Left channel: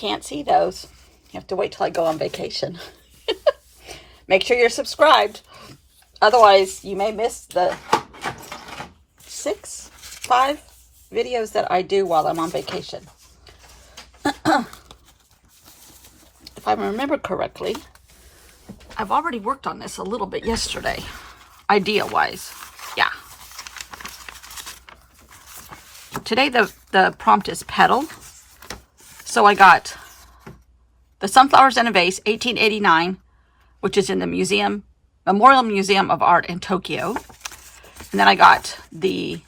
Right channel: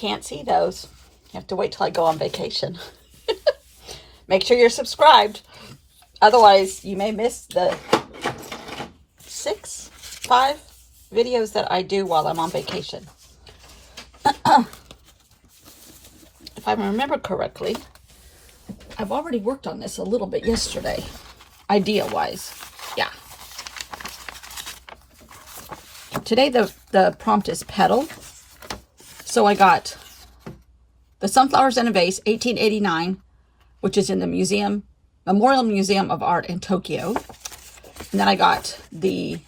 can't see those. You have to wait till I go on vacation. Make sure you're subscribed. Otherwise, you may miss the 5 videos that I do while I'm on vacation. If I remember correctly, I've already worked on this a little bit yesterday, idea-wise. Yeah. Today the prompt is petal. So I got the Sunflowers in a Vase, 1889, which is in the Memorial Museum of Art in Tokyo. And then I got the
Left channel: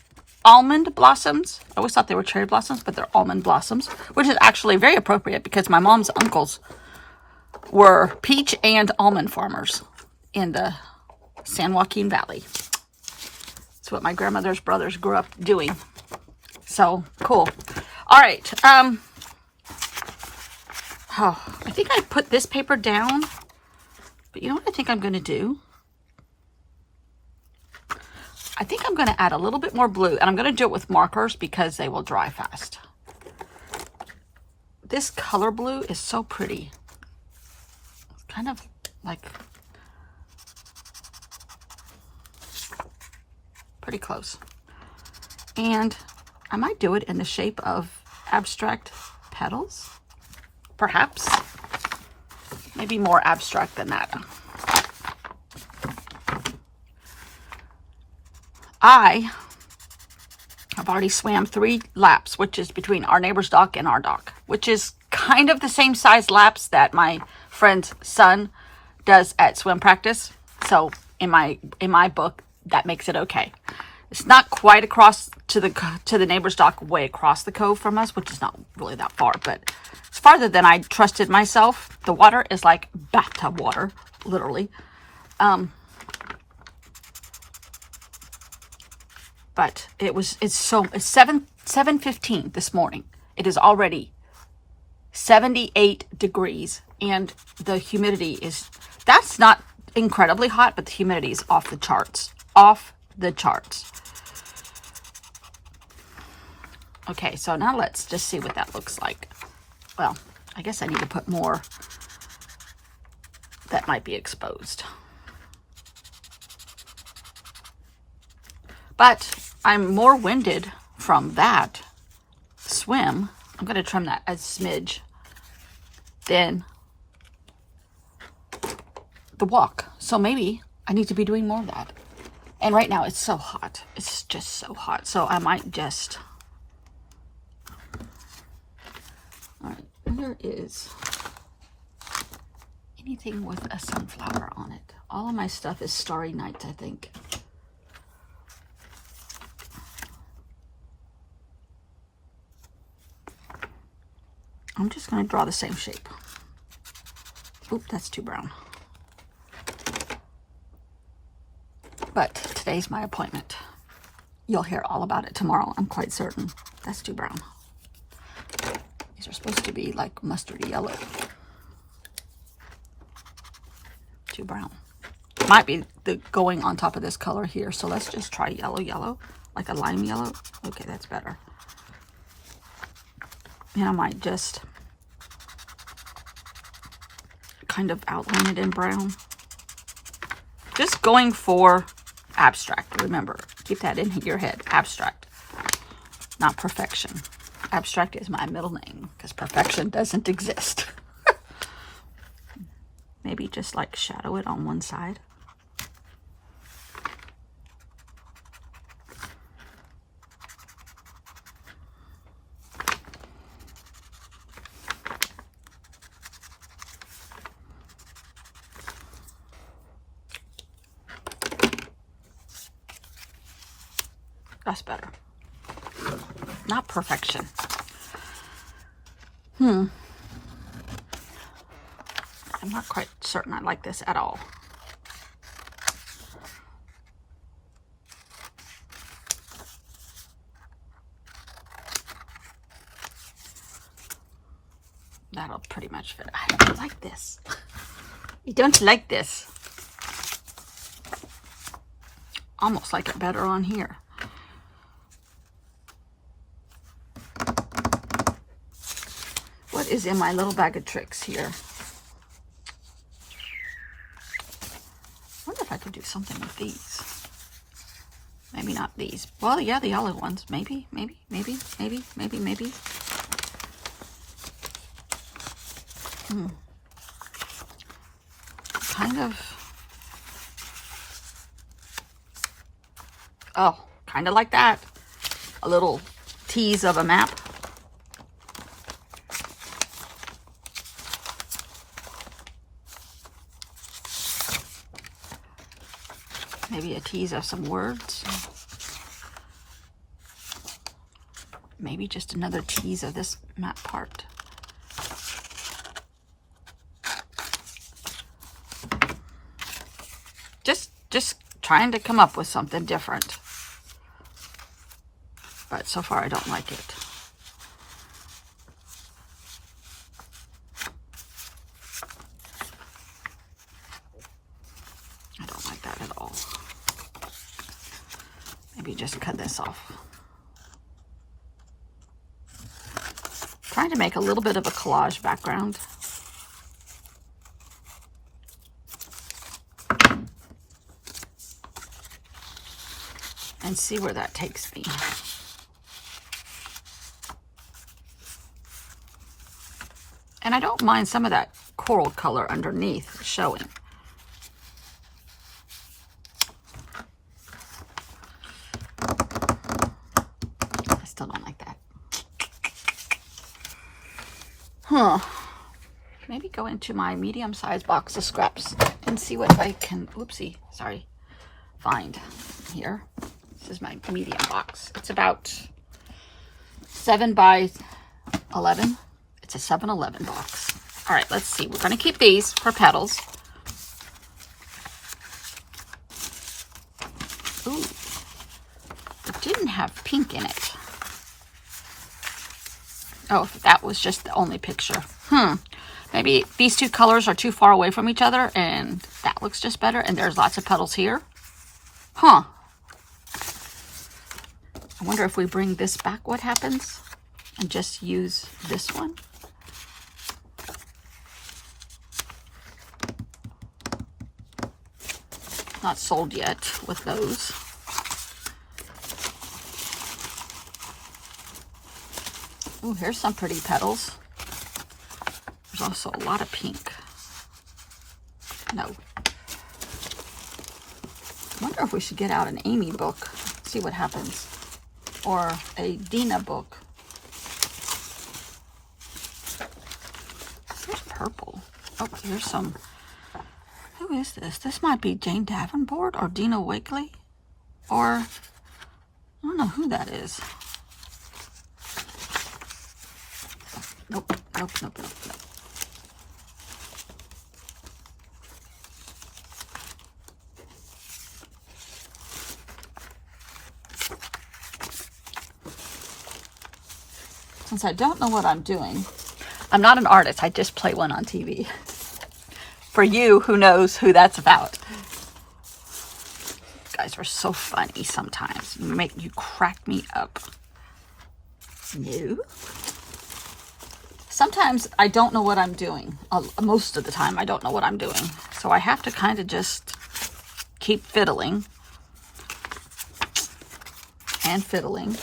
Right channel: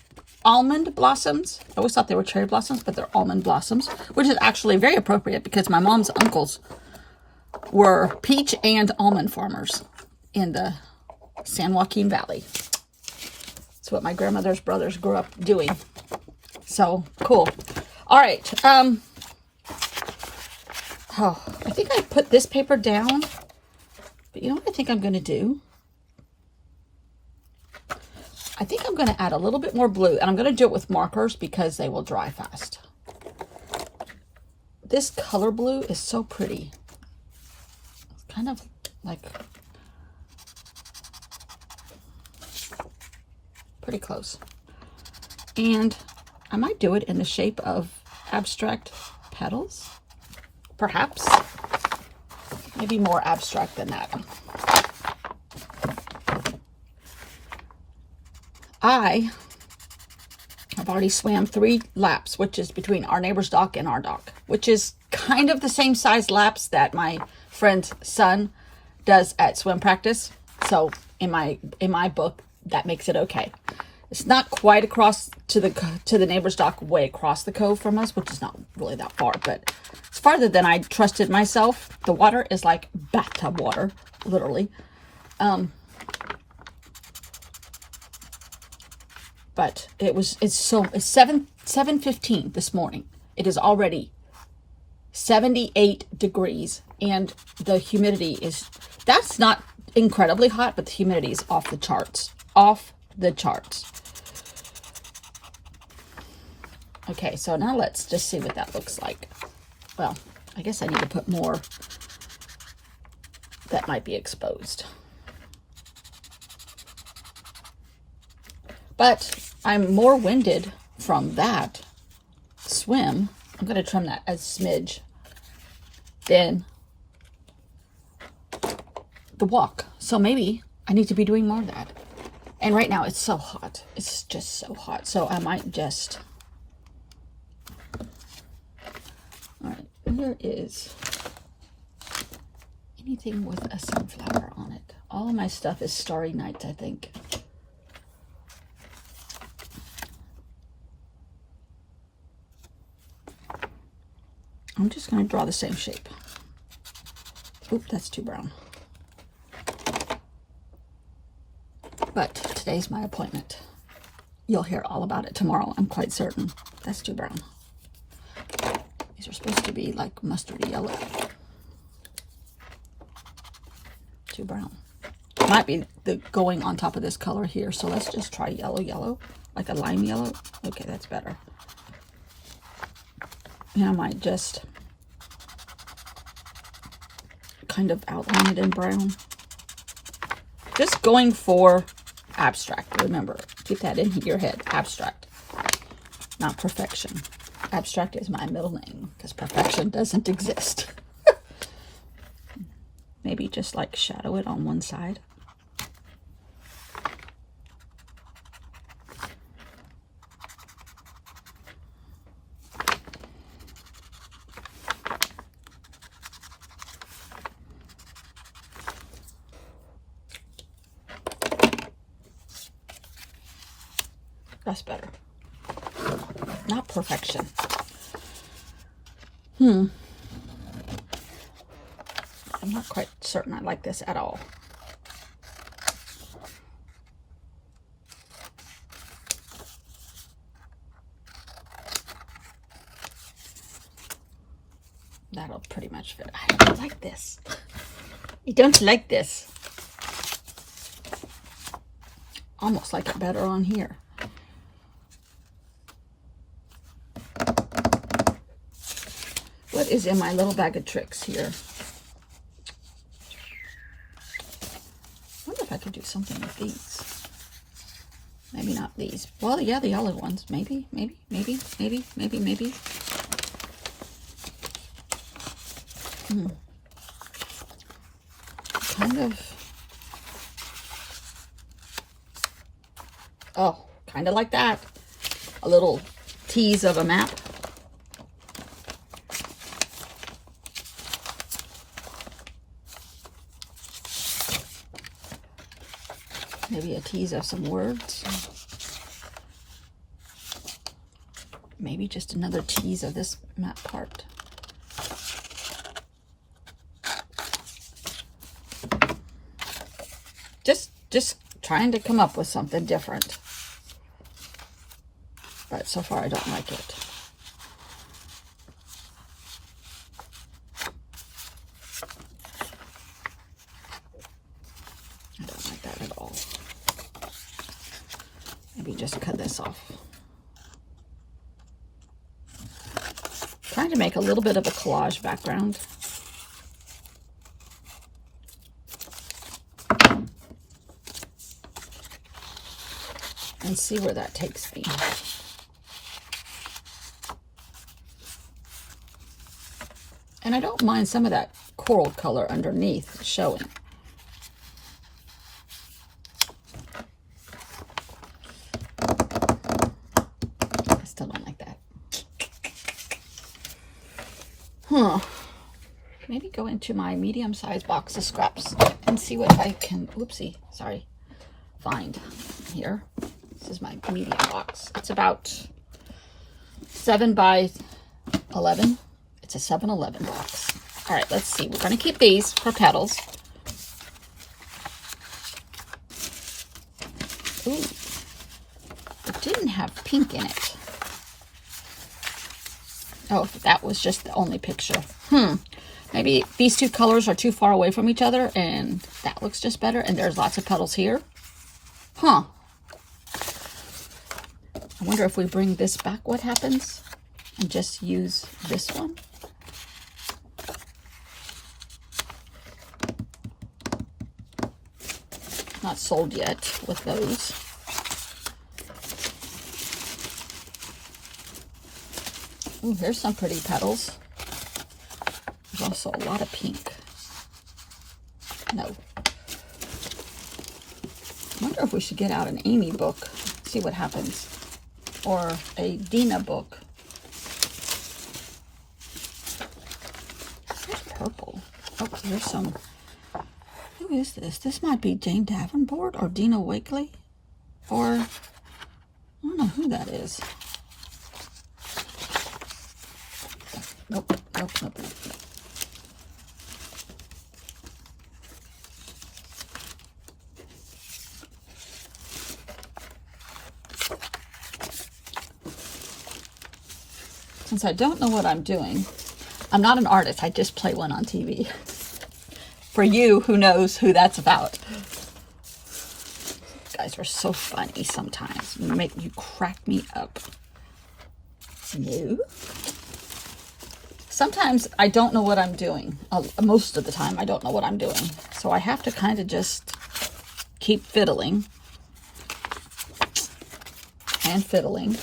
almond blossoms. I always thought they were cherry blossoms, but they're almond blossoms, which is actually very appropriate because my mom's uncles were peach and almond farmers in the San Joaquin Valley. That's what my grandmother's brothers grew up doing. So cool. All right. Oh, I think I put this paper down, but you know what I think I'm going to do? I think I'm going to add a little bit more blue, and I'm going to do it with markers because they will dry fast. This color blue is so pretty. It's kind of like pretty close. And I might do it in the shape of abstract petals, perhaps. Maybe more abstract than that. I have already swam 3 laps, which is between our neighbor's dock and our dock, which is kind of the same size laps that my friend's son does at swim practice. So in my book, that makes it okay. It's not quite across to the neighbor's dock, way across the cove from us, which is not really that far, but it's farther than I trusted myself. The water is like bathtub water, literally. But it's 7:15 this morning. It is already 78 degrees, and the humidity that's not incredibly hot, but the humidity is off the charts. Off the charts. Okay, so now let's just see what that looks like. Well, I guess I need to put more that might be exposed. But I'm more winded from that swim. I'm going to trim that a smidge than the walk. So maybe I need to be doing more of that. And right now it's so hot. It's just so hot. So I might just... All right, there is anything with a sunflower on it. All of my stuff is Starry Night, I think. I'm just going to draw the same shape. Oop, that's too brown. But today's my appointment. You'll hear all about it tomorrow, I'm quite certain. That's too brown. These are supposed to be like mustardy yellow. Too brown. Might be the going on top of this color here, so let's just try yellow, like a lime yellow. Okay, that's better. And I might just kind of outline it in brown. Just going for abstract. Remember, keep that in your head. Abstract, not perfection. Abstract is my middle name because perfection doesn't exist. Maybe just like shadow it on one side. That's better. Not perfection. I'm not quite certain I like this at all. That'll pretty much fit. I don't like this. I don't like this. Almost like it better on here. is in my little bag of tricks here. I wonder if I could do something with these. Maybe not these. Well, yeah, the yellow ones. Maybe. Kind of. Oh, kind of like that. A little tease of a map. Maybe a tease of some words. Maybe just another tease of this map part. Just trying to come up with something different. But so far I don't like it. I don't like that at all. Maybe just cut this off. Trying to make a little bit of a collage background. And see where that takes me. And I don't mind some of that coral color underneath showing. I still don't like that. Maybe go into my medium-sized box of scraps and see what I can, find here. This is my medium box. It's about 7 by 11. It's a 7-Eleven box. All right, let's see. We're going to keep these for petals. Ooh, it didn't have pink in it. Oh, that was just the only picture. Maybe these two colors are too far away from each other and that looks just better. And there's lots of petals here. I wonder if we bring this back, what happens? And just use this one. Not sold yet with those. Ooh, here's some pretty petals. There's also a lot of pink. No. I wonder if we should get out an Amy book, see what happens. Or a Dina book. Here's purple. Oh, here's some. Who is this? This might be Jane Davenport or Dina Wakley. Or, I don't know who that is. Nope. Since I don't know what I'm doing, I'm not an artist, I just play one on TV. For you, who knows who that's about. You guys are so funny sometimes. You crack me up. No. Sometimes I don't know what I'm doing. Most of the time I don't know what I'm doing. So I have to kind of just keep fiddling. And fiddling.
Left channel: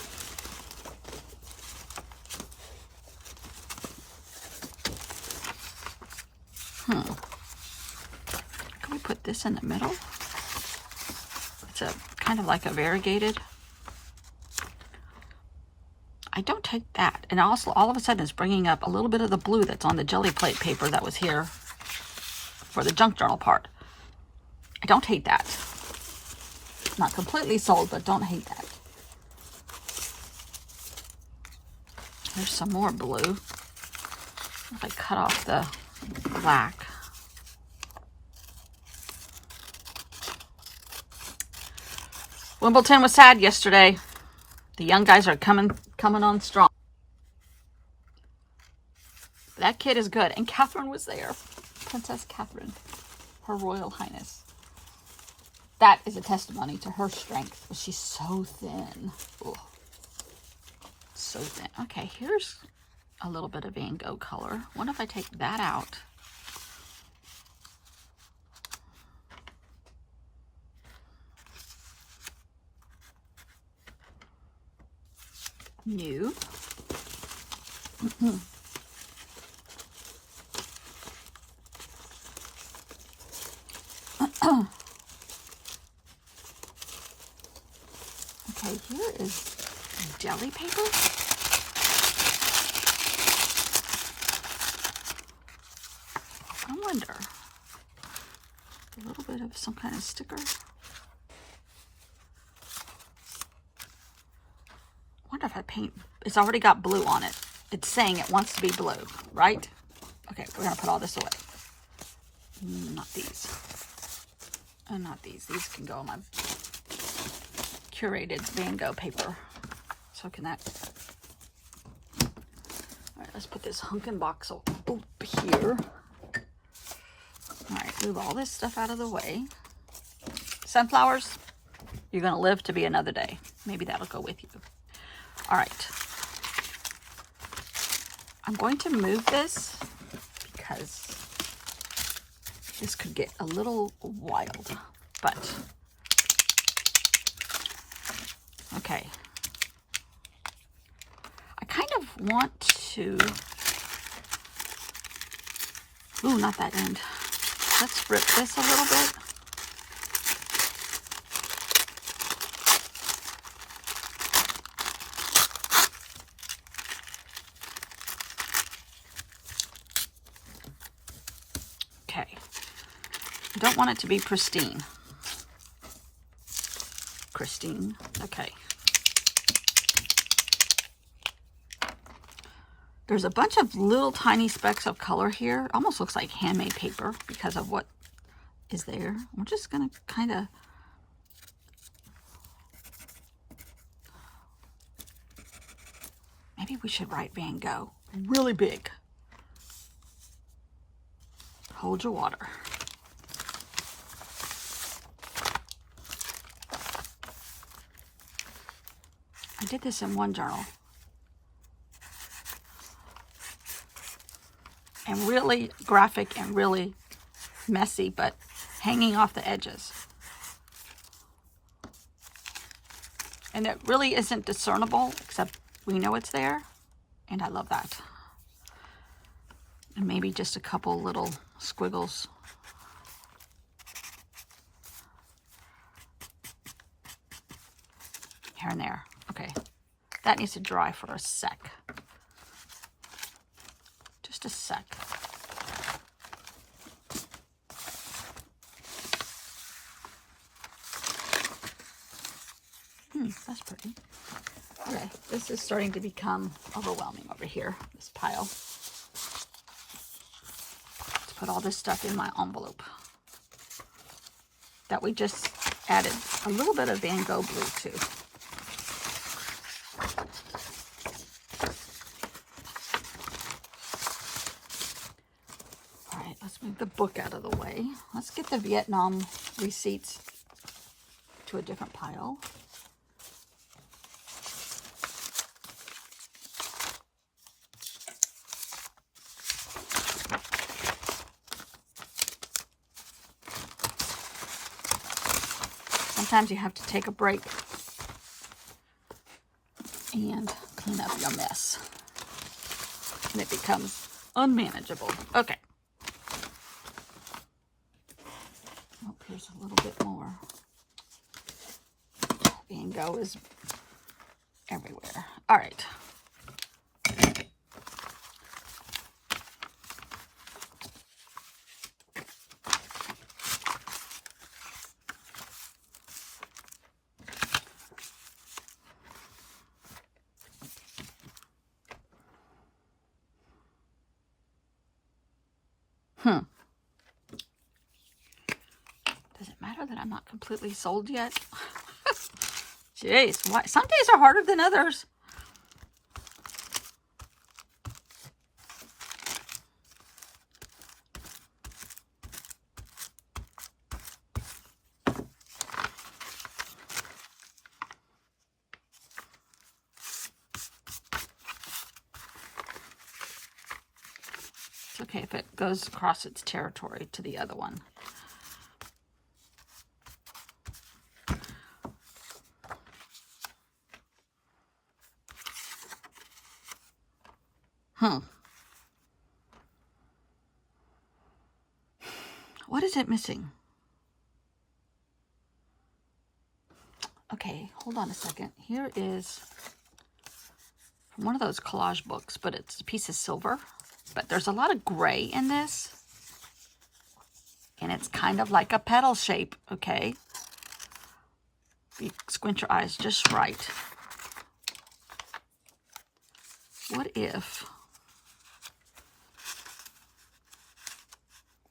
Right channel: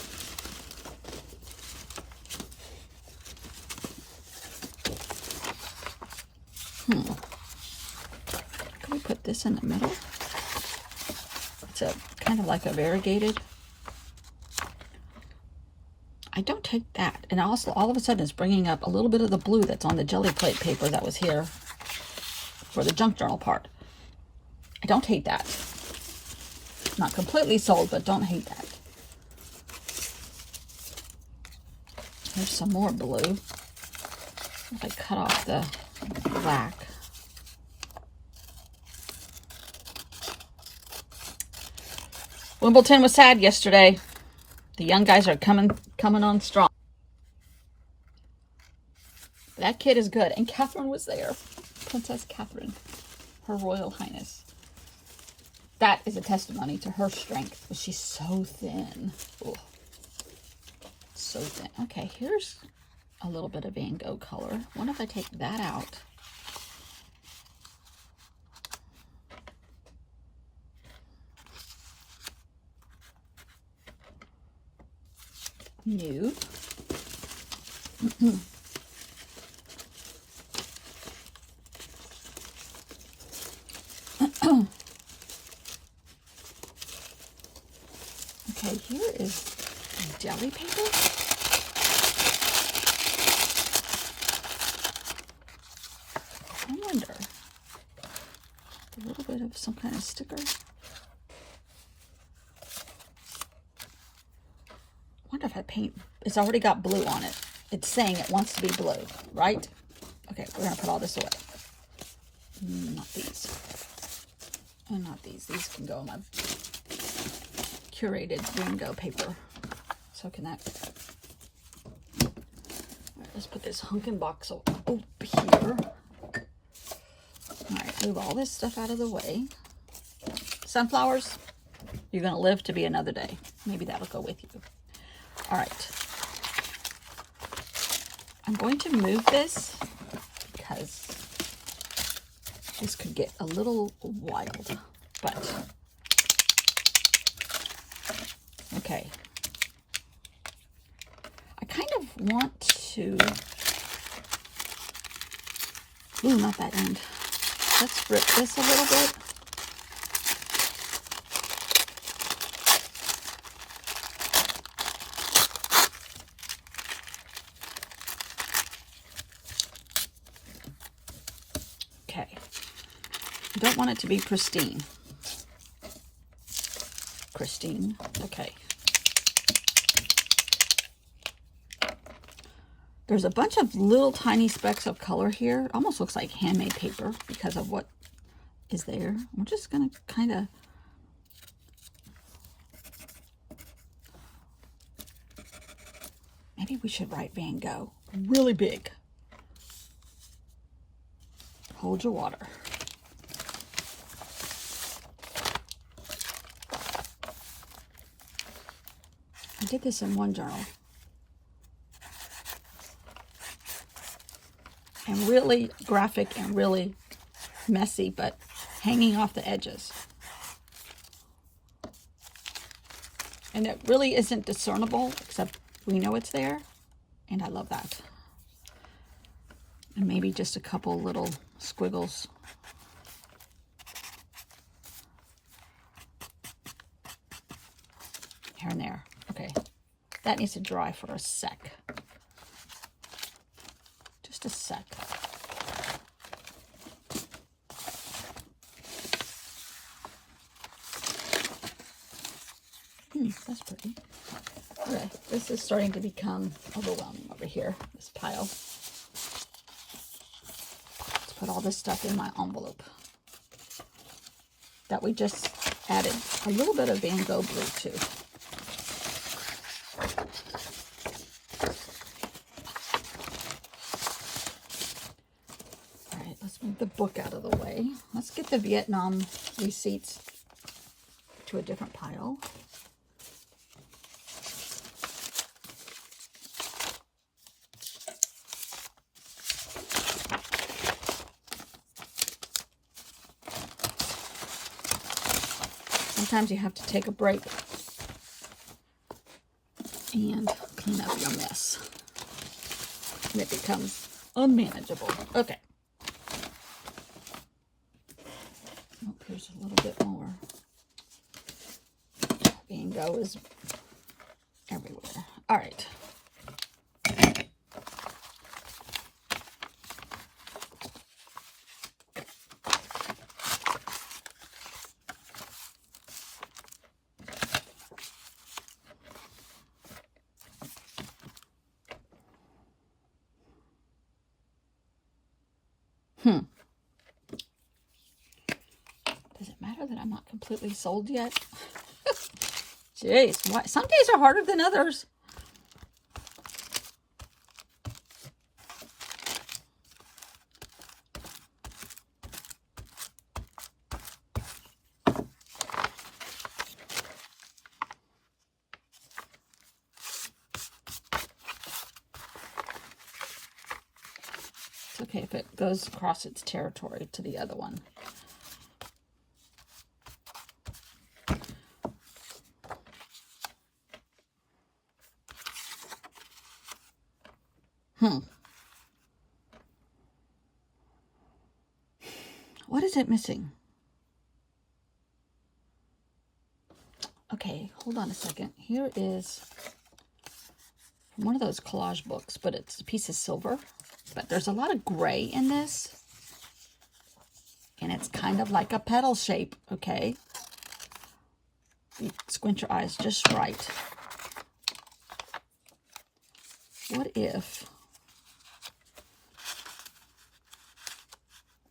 Can we put this in the middle? It's a kind of like a variegated. I don't take that. And also all of a sudden it's bringing up a little bit of the blue that's on the jelly plate paper that was here for the junk journal part. I don't hate that. Not completely sold, but don't hate that. There's some more blue. If I cut off the black. Wimbledon was sad yesterday. The young guys are coming on strong. That kid is good. And Catherine was there. Princess Catherine. Her Royal Highness. That is a testimony to her strength. She's so thin. Ooh. So thin. Okay, here's a little bit of Van Gogh color. I wonder if I take that out. New. Okay, here is deli paper. I wonder, a little bit of some kind of sticker. I wonder if I paint, it's already got blue on it. It's saying it wants to be blue, right? Okay, we're gonna put all this away. Not these. And not these. These can go on my curated Van Gogh paper. So can that. All right, let's put this hunkin' box over here. All right, move all this stuff out of the way. Sunflowers, you're gonna live to be another day. Maybe that'll go with you. All right. I'm going to move this because this could get a little wild, but okay. I kind of want to, ooh, not that end. Let's rip this a little bit. Okay. I don't want it to be pristine. Christine. Okay. There's a bunch of little tiny specks of color here. It almost looks like handmade paper because of what is there. I'm just going to kind of maybe we should write Van Gogh really big. Hold your water. I did this in one journal. And really graphic and really messy, but hanging off the edges. And it really isn't discernible, except we know it's there. And I love that. And maybe just a couple little squiggles. Here and there. Okay. That needs to dry for a sec. Just a sec. That's pretty. Okay, this is starting to become overwhelming over here, this pile. Let's put all this stuff in my envelope that we just added a little bit of Van Gogh blue to. All right, let's move the book out of the way. Let's get the Vietnam receipts to a different pile. Sometimes you have to take a break and clean up your mess. And it becomes unmanageable. Okay. Oh, here's a little bit more. Van Gogh is everywhere. All right. Does it matter that I'm not completely sold yet? Jeez, why? Some days are harder than others. okay if it goes across its territory to the other one. What is it missing? Okay, hold on a second. Here is from one of those collage books, but it's a piece of silver. But there's a lot of gray in this. And it's kind of like a petal shape, okay? You squint your eyes just right. What if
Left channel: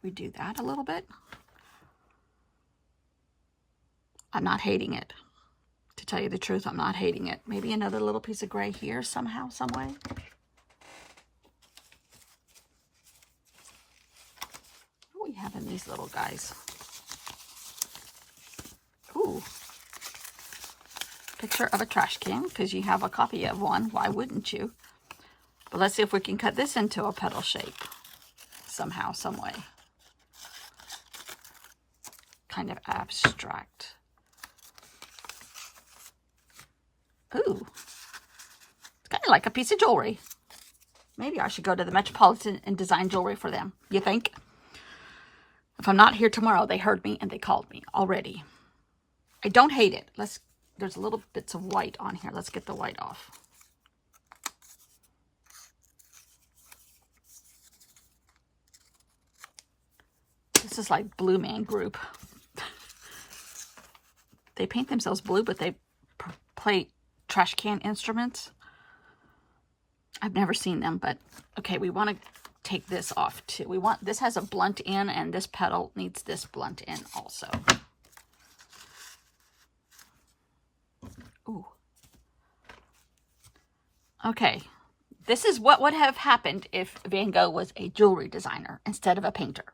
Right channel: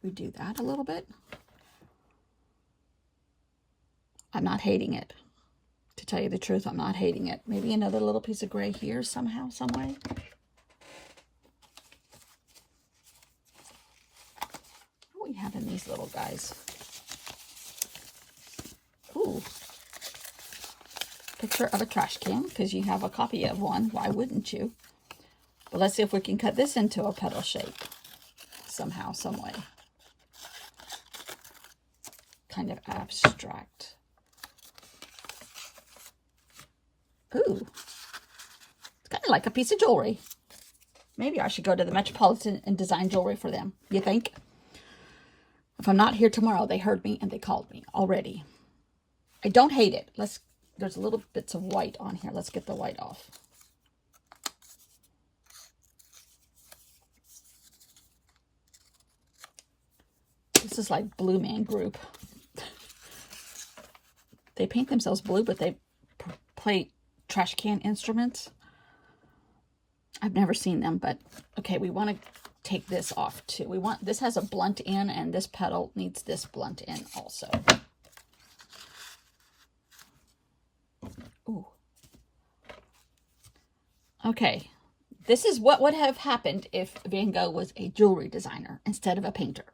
we do that a little bit? I'm not hating it. To tell you the truth, I'm not hating it. Maybe another little piece of gray here somehow, some way. What do we have in these little guys? Ooh. Picture of a trash can, because you have a copy of one. Why wouldn't you? But let's see if we can cut this into a petal shape. Somehow, some way. Kind of abstract. Ooh, it's kind of like a piece of jewelry. Maybe I should go to the Metropolitan and design jewelry for them. You think? If I'm not here tomorrow, they heard me and they called me already. I don't hate it. There's a little bits of white on here. Let's get the white off. This is like Blue Man Group. They paint themselves blue, but they play trash can instruments. I've never seen them, but okay, we want to take this off too. This has a blunt end, and this petal needs this blunt end also. Ooh. Okay, this is what would have happened if Van Gogh was a jewelry designer instead of a painter.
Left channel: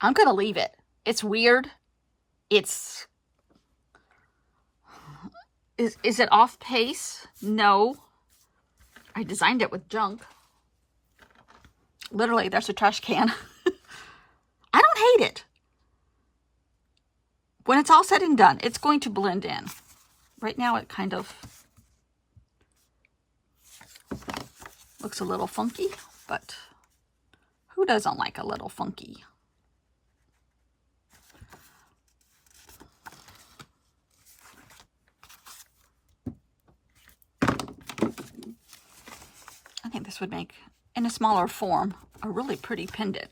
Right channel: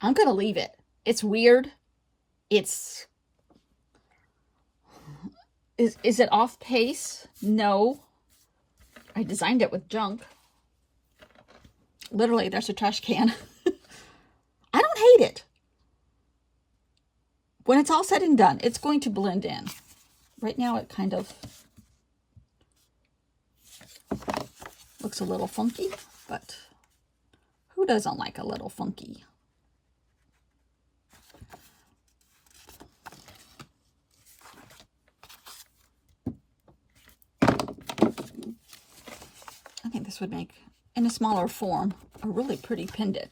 I'm gonna leave it. It's weird. Is it off pace? No. I designed it with junk. Literally, there's a trash can. I don't hate it. When it's all said and done, it's going to blend in. Right now, it kind of looks a little funky, but who doesn't like a little funky? I think this would make, in a smaller form, a really pretty pendant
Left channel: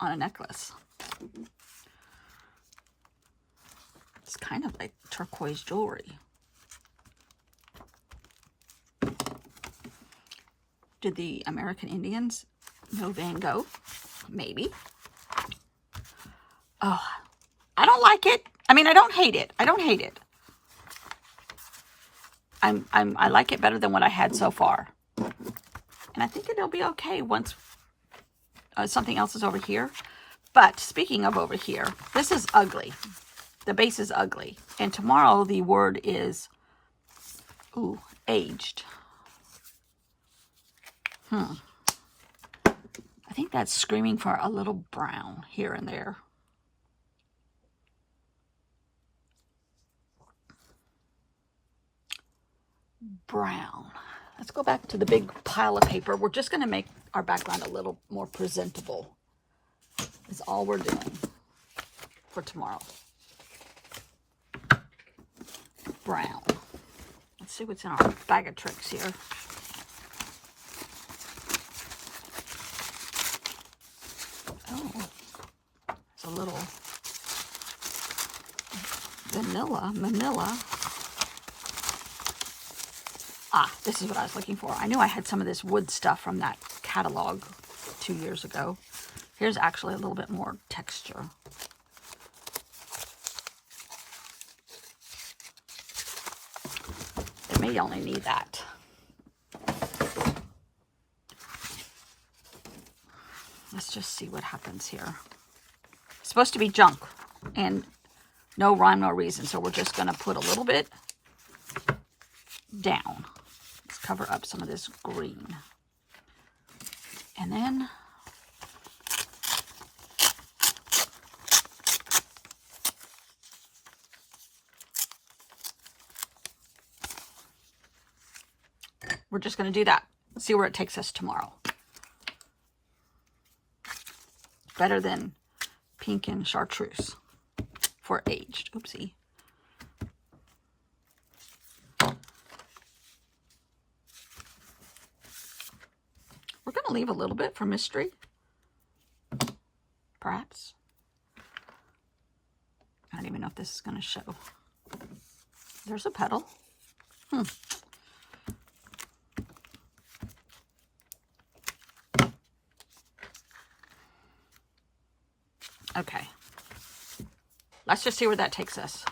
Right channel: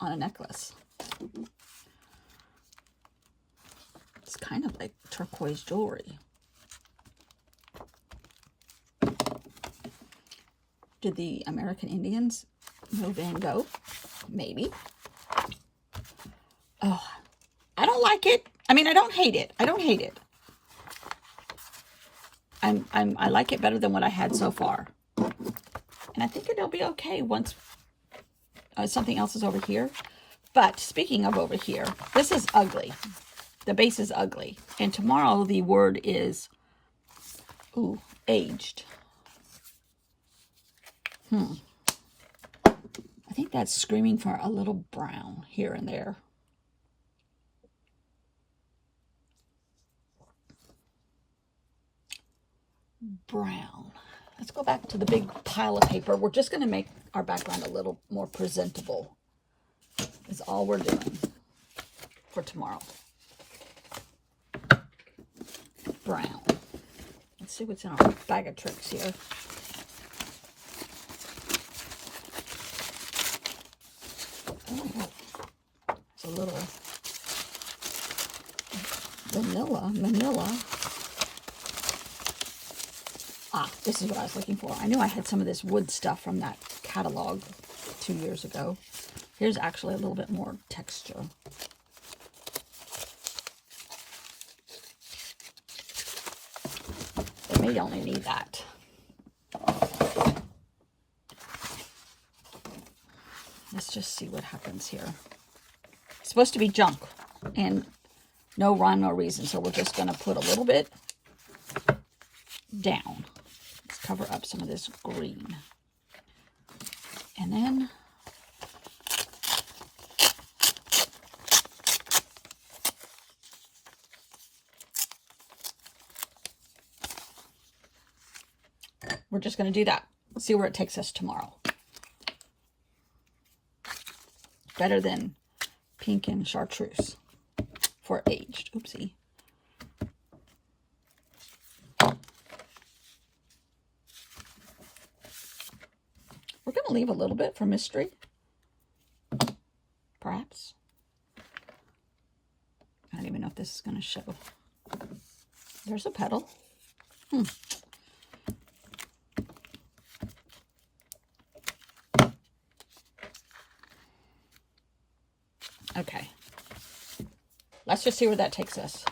on a necklace. It's kind of like turquoise jewelry. Did the American Indians know Van Gogh? Maybe. Oh, I don't like it. I mean, I don't hate it. I don't hate it. I like it better than what I had so far. And I think it'll be okay once something else is over here. But speaking of over here, this is ugly. The base is ugly. And tomorrow the word is, ooh, aged. I think that's screaming for a little brown here and there. Brown. Let's go back to the big pile of paper. We're just going to make our background a little more presentable. Is all we're doing for tomorrow. Brown. Let's see what's in our bag of tricks here. Oh, it's a little manila. Ah, this is what I was looking for. I knew I had some of this wood stuff from that catalog 2 years ago. Here's actually a little bit more texture. It may only need that. Let's just see what happens here. It's supposed to be junk and no rhyme, no reason. So we're just going to put a little bit down. Let's cover up some of this green. And then we're just going to do that. Let's see where it takes us tomorrow. Better than pink and chartreuse for aged. Oopsie. We're going to leave a little bit for mystery. Perhaps. I don't even know if this is going to show. There's a petal. Okay. Let's just see where that takes us.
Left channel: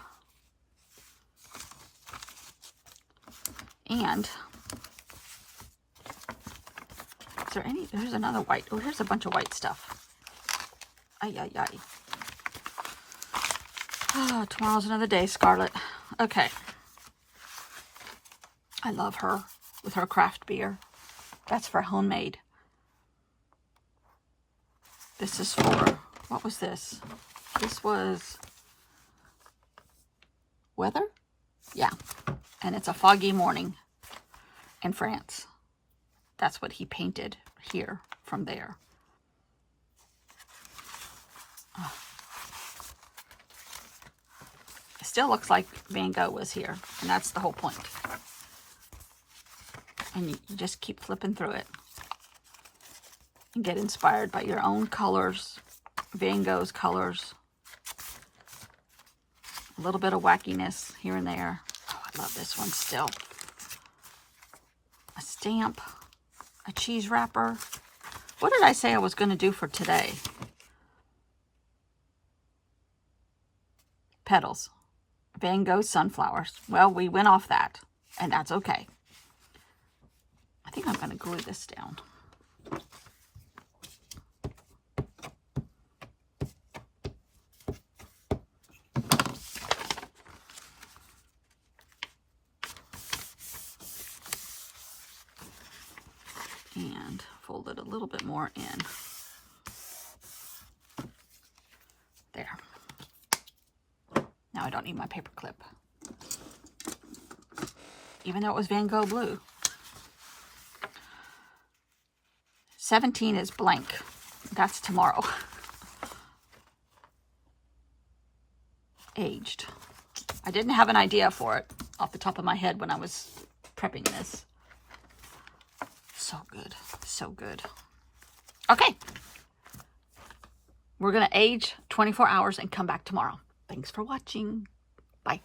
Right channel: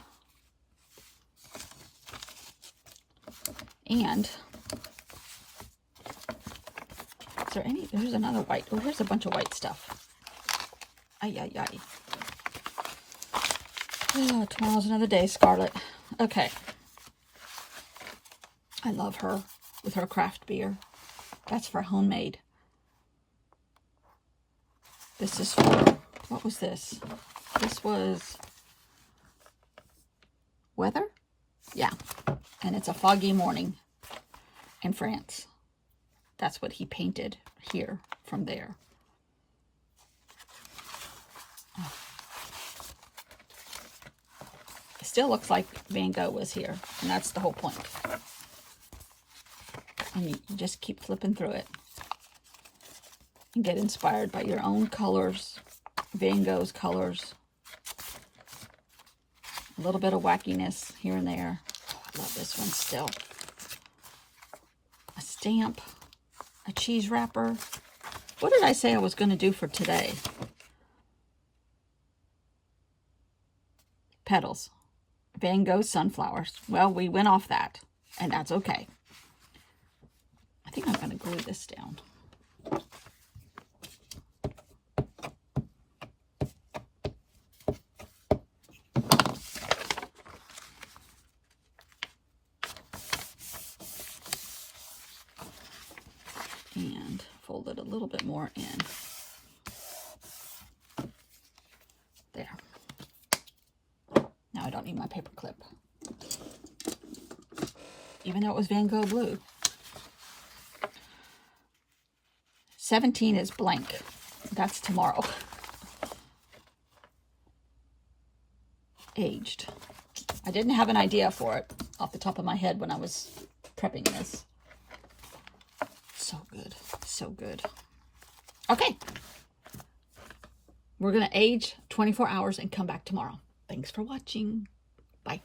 And is there any? There's another white. Oh, here's a bunch of white stuff. Ay, ay, ay. Oh, tomorrow's another day, Scarlet. Okay. I love her with her craft beer. That's for homemade. This is for, what was this? This was weather? Yeah. And it's a foggy morning in France. That's what he painted here from there. Oh. It still looks like Van Gogh was here, and that's the whole point. And you just keep flipping through it and get inspired by your own colors, Van Gogh's colors, a little bit of wackiness here and there. Oh, I love this one still. A stamp, a cheese wrapper. What did I say I was going to do for today? Petals. Van Gogh sunflowers. Well, we went off that, and that's okay. I think I'm going to glue this down. And fold it a little bit more in. There. Now I don't need my paper clip. Even though it was Van Gogh blue. 17 is blank. That's tomorrow. Aged. I didn't have an idea for it off the top of my head when I was prepping this. So good. So good. Okay. We're going to age 24 hours and come back tomorrow. Thanks for watching. Bye.